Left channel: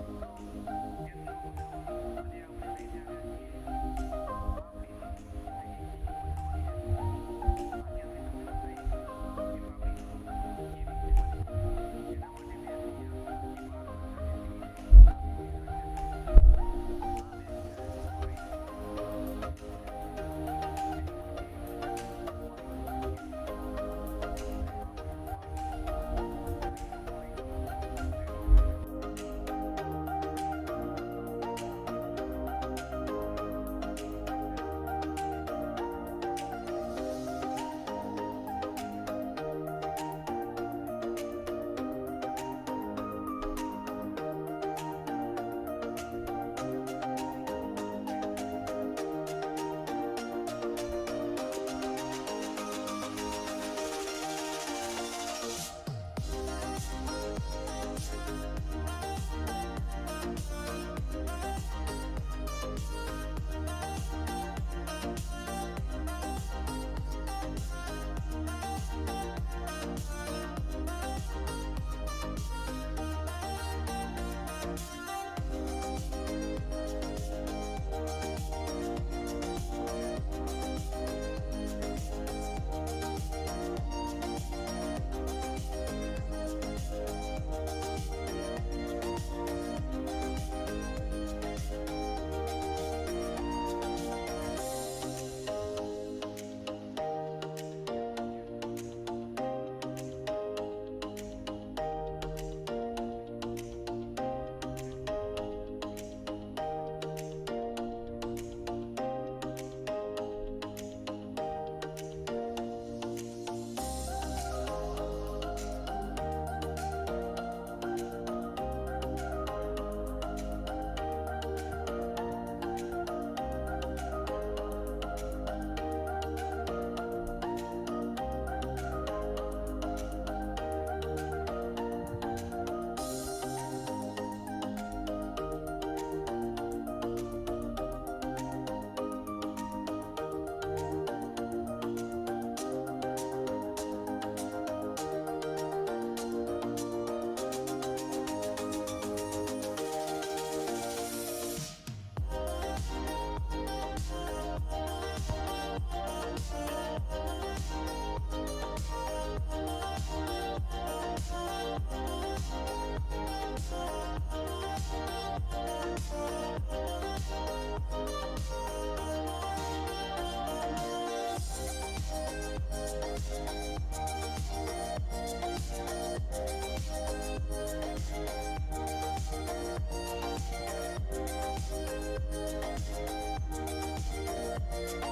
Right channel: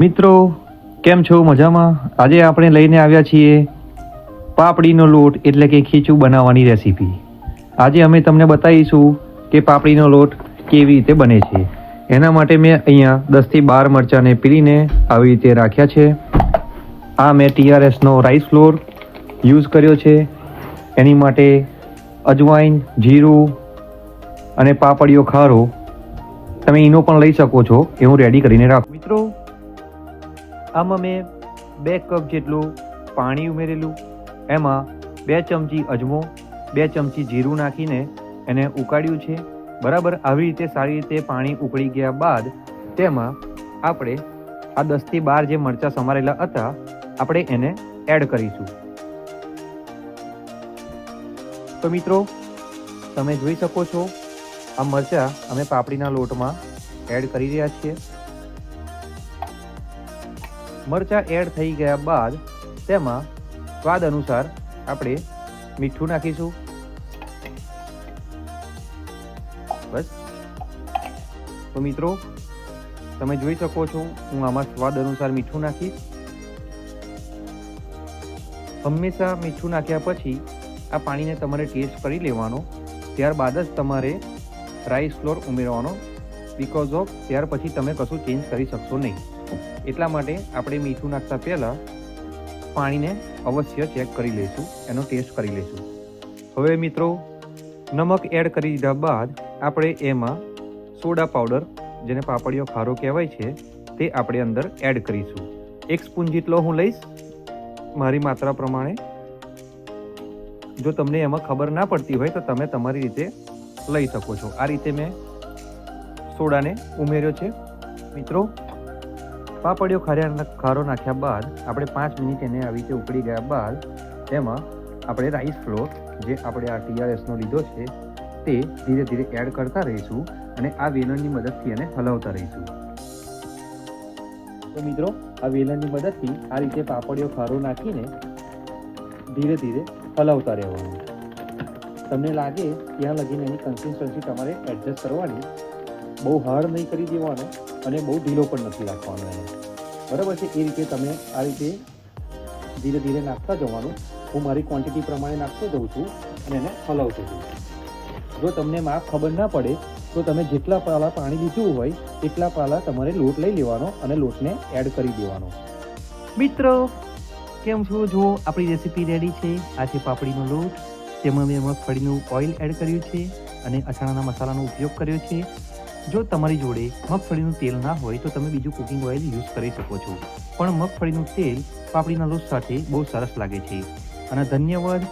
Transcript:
મિત્રો કેમ છો? મજામાં? આજે આપણે લઈને આવ્યા છીએ પાપડીનો લોટ એટલે કે ખીચું બનાવવાની રેસીપી. આજે અમે તમને બતાવીશું કે પાપડીનો લોટ કેવી રીતે બને છે. એના માટે મેં અહીંયા 10થી 12 મરચાંને પીલીને આવી રીતે રાખ્યા છે. આ મેં TRSનો રાઈસ ફ્લોર યુઝ કર્યો છે. એની માટે અજવાઈન, જીરું અને પાપડીયો ખારો તમે ઈનો પણ લઈ શકો છો એ હું રેડી કરીને રાખું. મિત્રો આમાં મેં 2 કપ જેટલું પાણી ઉમેરેલું, એમાં 2 ચમચી અજમો, 2 ચમચી જીરું નાખીને એને ઉકાળ્યું છે. બરાબર આવી રીતે સારી રીતે પાણી ઉકળી ગયા બાદ તેમાં આપણે આ 10થી 12 જે મરચાં સમારેલા હતા આપણે એને એડ કરીશું. તો મિત્રો તમે જોઈ શકો છો આ મરચાં અમે પાપડીના લોટમાં એડ કરી રહ્યા છીએ. મરચાં એડ થઈ ગયા બાદ તેમાં સ્વાદ અનુસાર આપણે મીઠું નાખીશું. બસ. તો મિત્રો તમે જોઈ શકો છો હું આમાં સ્વાદ અનુસાર મીઠું નાખીશ. હંમેશા મીઠું નાખ્યા પછી આ પાણીને તમારે ટેસ્ટ કરી લેવાનો, ત્યારબાદ જ તમારે રાઈસ ફ્લોર ઉમેરવાનો, બીકોઝ ઓફ ત્યાર પછી તમે કશું ચેન્જ કરી શકશો નહીં. એટલા માટે આપણે મીઠું નાખતા પહેલાં પાણીને અવશ્ય ચેક કરી લઈશું, એનો ટેસ્ટ કરી લઈશું. હવે મિત્રો નમક એડ કરી દીધા બાદ આપણે એમાં સોડા પાવડર, જેને પાપડીયો ખારો કહેવાય છે, તે આપણે અંદર એડ કરીશું. 1 સ્પૂન જેટલો હું લઈશ મારી માત્રા પ્રમાણે. જો તમને એમાં ખબર ના પડતી હોય તો તમે તમારી રીતે લઈ શકો છો. આ રીતે મેં સોડાને ઉમેર્યો છે. મિત્રો પાપડીયો ખારો નાખ્યા બાદ આપણે 5 મિનિટ એને આવી રીતે ઉકળી ગયા બાદ એમાં આપણે રાઈસ ફ્લોર જે આપણે આ TRSનો લીધો છે તે ધીરે ધીરે એડ કરતા રહીશું અને આ વેલણની મદદથી એને હલાવતા રહીશું. તો મિત્રો આ વેલણની મદદથી આ રીતે પાપડીયો ખારો નાખીને ધીરે ધીરે હલાવતા રહેવાનું. તમને લાગે ત્યાં લગીને એની કન્સિસ્ટન્સી તમારે એડજસ્ટ કરવાની, બહુ હાર્ડ નહીં કરી દેવાનો અને બહુ ઢીલો પણ નથી રાખવાનો એને. બરાબર છે? એ રીતે તમે આ રીતે ધીરે ધીરે નાખતા જવાનું. હું મારી ક્વોન્ટિટી પ્રમાણે નાખતો જઉં છું અને એને હલાવતો જઉં છું. જો તમને માપ ખબર ના પડે તો તમે જેટલા પાલા પાણી લીધું હોય એટલા પાલા તમારે લોટ લઈ લેવાનો અને લોટને એડ કરી દેવાનો. મિત્રો કેમ છો? જો આપણી રેસીપી રેડી છે. આ છે પાપડીનો લોટ, તેમાં મેં મગફળીનું ઓઇલ એડ કર્યું છે અને અથાણાના મસાલાનો ઉપયોગ કર્યો છે. જો તમારી જોડે મગફળીનું તેલ ના હોય તો તમે બીજું કુકિંગ ઓઇલ યુઝ કરી શકો છો, પણ મગફળીનું તેલ પાપડીના લોટ સાથે બહુ સરસ લાગે છે. અને ધન્યવાદ.